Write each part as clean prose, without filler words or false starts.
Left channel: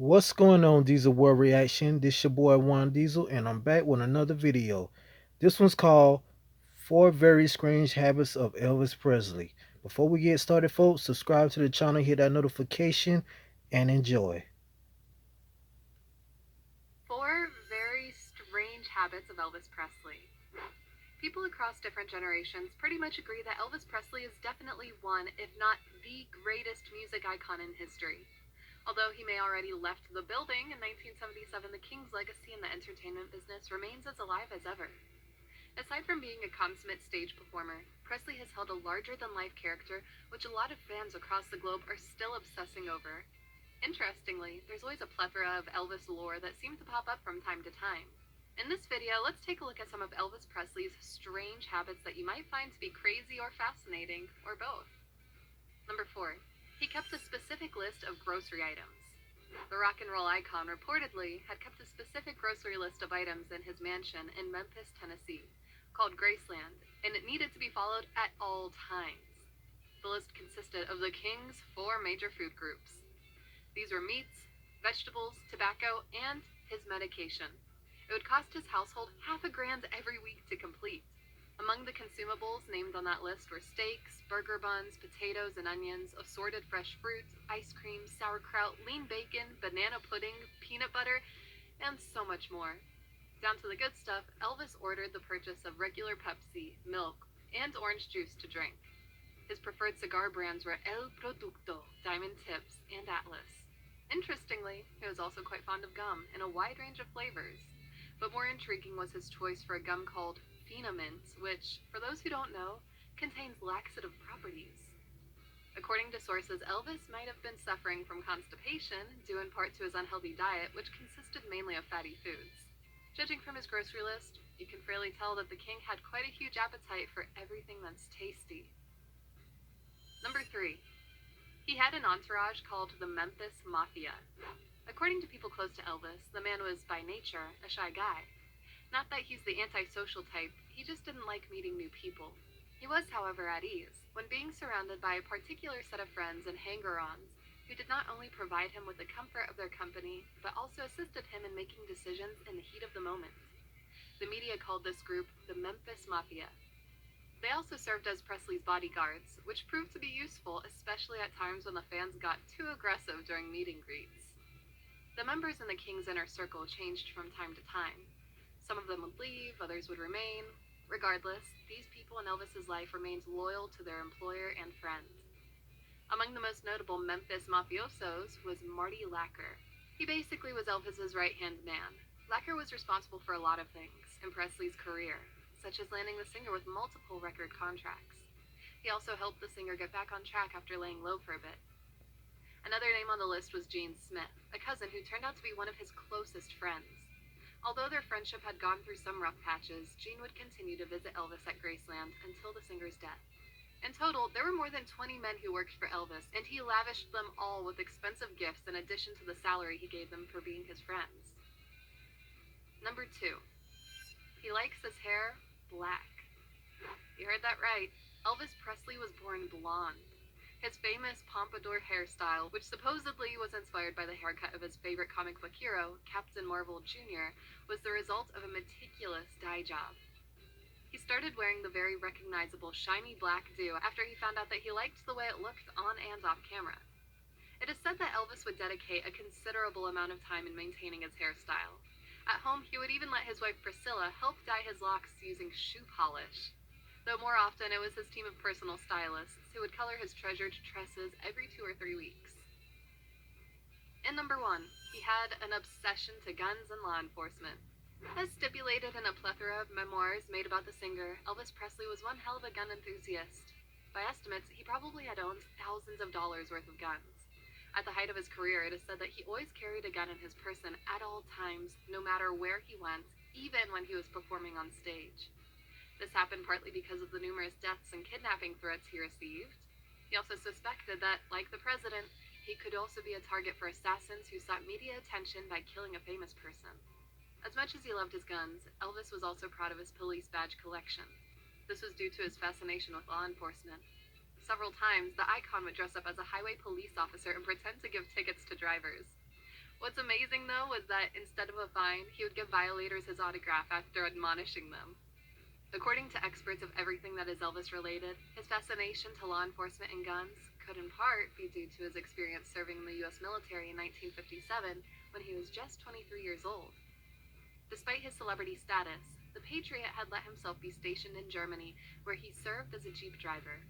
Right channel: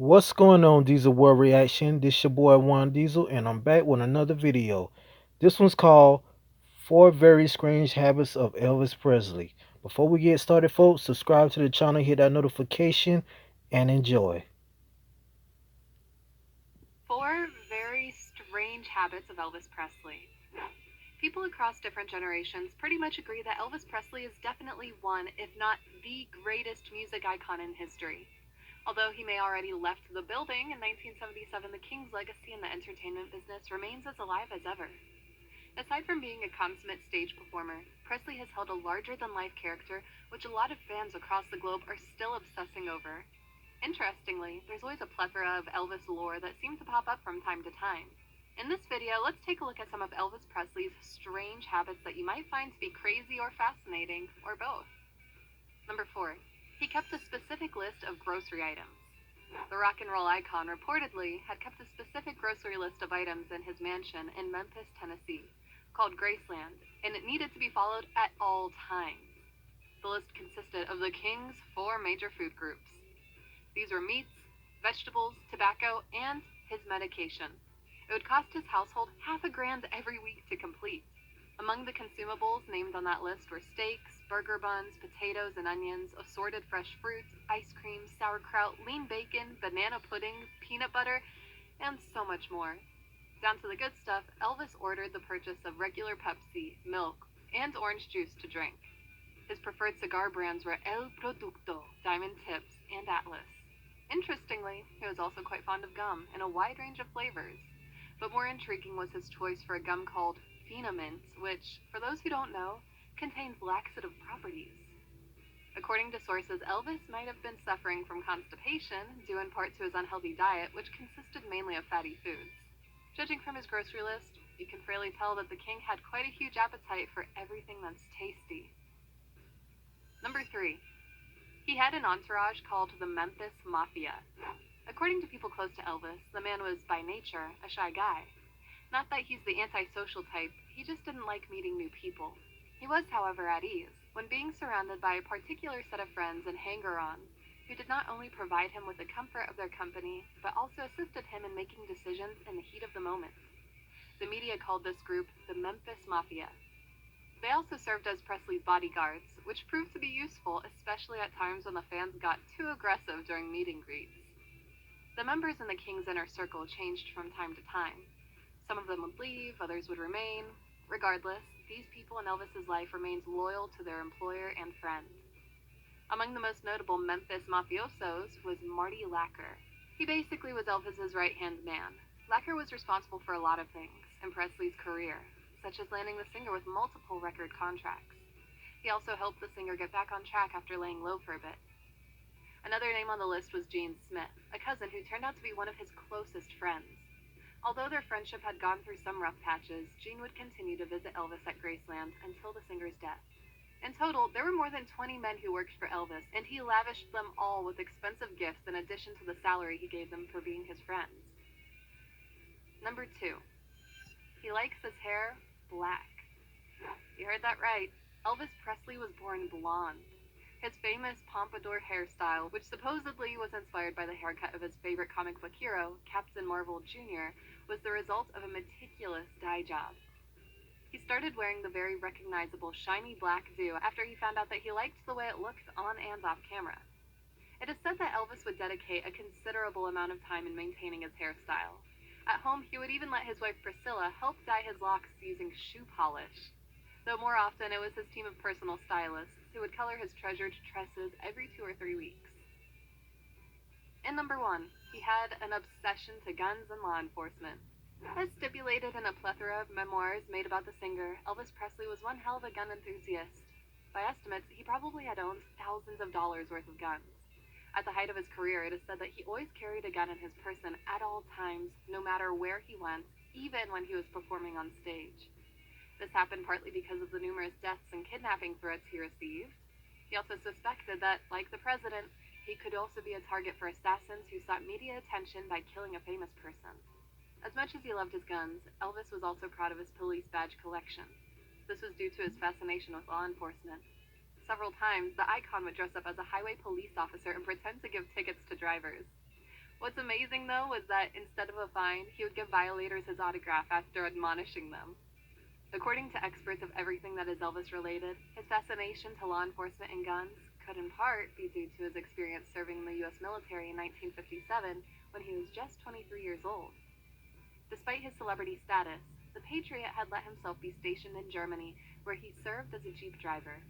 What's going on, Diesel World Reaction? This your boy Juan Diesel, and I'm back with another video. This one's called Four Very Strange Habits of Elvis Presley. Before we get started, folks, subscribe to the channel, hit that notification, and enjoy. Four very strange habits of Elvis Presley. People across different generations pretty much agree that Elvis Presley is definitely one, if not the greatest music icon in history. Although he may already left the building in 1977, the King's legacy in the entertainment business remains as alive as ever. Aside from being a consummate stage performer, Presley has held a larger-than-life character which a lot of fans across the globe are still obsessing over. Interestingly, there's always a plethora of Elvis lore that seems to pop up from time to time. In this video, let's take a look at some of Elvis Presley's strange habits that you might find to be crazy or fascinating, or both. Number 4. He kept a specific list of grocery items. The rock and roll icon reportedly had kept a specific grocery list of items in his mansion in Memphis, Tennessee, called Graceland, and it needed to be followed at all times. The list consisted of the King's four major food groups. These were meats, vegetables, tobacco, and his medication. It would cost his household half a grand every week to complete. Among the consumables named on that list were steaks, burger buns, potatoes and onions, assorted fresh fruits, ice cream, sauerkraut, lean bacon, banana pudding, peanut butter, and so much more. Down to the good stuff, Elvis ordered the purchase of regular Pepsi, milk, and orange juice to drink. His preferred cigar brands were El Producto, Diamond Tips, and Atlas. Interestingly, he was also quite fond of gum in a wide range of flavors. But more intriguing was his choice for a gum called Phenamint, which, for those who don't know, contains laxative properties. According to sources, Elvis might have been suffering from constipation, due in part to his unhealthy diet, which consisted mainly of fatty foods. Judging from his grocery list, you can fairly tell that the king had quite a huge appetite for everything that's tasty. Number 3. He had an entourage called the Memphis Mafia. According to people close to Elvis, the man was, by nature, a shy guy. Not that he's the antisocial type, he just didn't like meeting new people. He was, however, at ease when being surrounded by a particular set of friends and hanger-ons who did not only provide him with the comfort of their company, but also assisted him in making decisions in the heat of the moment. The media called this group the Memphis Mafia. They also served as Presley's bodyguards, which proved to be useful, especially at times when the fans got too aggressive during meet and greets. The members in the King's inner circle changed from time to time. Some of them would leave, others would remain. Regardless, these people in Elvis's life remained loyal to their employer and friends. Among the most notable Memphis mafiosos was Marty Lacker. He basically was Elvis's right-hand man. Lacker was responsible for a lot of things in Presley's career, such as landing the singer with multiple record contracts. He also helped the singer get back on track after laying low for a bit. Another name on the list was Gene Smith, a cousin who turned out to be one of his closest friends. Although their friendship had gone through some rough patches, Gene would continue to visit Elvis at Graceland until the singer's death. In total, there were more than 20 men who worked for Elvis, and he lavished them all with expensive gifts in addition to the salary he gave them for being his friends. Number 2. He likes his hair black. You heard that right. Elvis Presley was born blonde. His famous pompadour hairstyle, which supposedly was inspired by the haircut of his favorite comic book hero, Captain Marvel Jr., was the result of a meticulous dye job. He started wearing the very recognizable shiny black do after he found out that he liked the way it looked on and off camera. It is said that Elvis would dedicate a considerable amount of time in maintaining his hairstyle. At home, he would even let his wife Priscilla help dye his locks using shoe polish. Though more often it was his team of personal stylists who would color his treasured tresses every 2 or 3 weeks. And number 1, he had an obsession to guns and law enforcement. As stipulated in a plethora of memoirs made about the singer, Elvis Presley was one hell of a gun enthusiast. By estimates, he probably had owned thousands of dollars worth of guns. At the height of his career, it is said that he always carried a gun in his person at all times, no matter where he went, even when he was performing on stage. This happened partly because of the numerous deaths and kidnapping threats he received. He also suspected that, like the president, he could also be a target for assassins who sought media attention by killing a famous person. As much as he loved his guns, Elvis was also proud of his police badge collection. This was due to his fascination with law enforcement. Several times, the icon would dress up as a highway police officer and pretend to give tickets to drivers. What's amazing, though, was that instead of a fine, he would give violators his autograph after admonishing them. According to experts of everything that is Elvis related, his fascination to law enforcement and guns could in part be due to his experience serving in the U.S. military in 1957 when he was just 23 years old. Despite his celebrity status, the Patriot had let himself be stationed in Germany, where he served as a Jeep driver.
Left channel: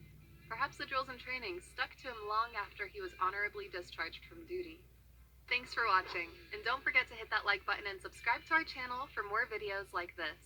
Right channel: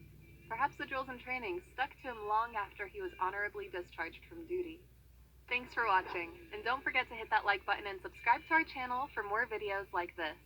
Perhaps the drills and training stuck to him long after he was honorably discharged from duty. Thanks for watching, and don't forget to hit that like button and subscribe to our channel for more videos like this.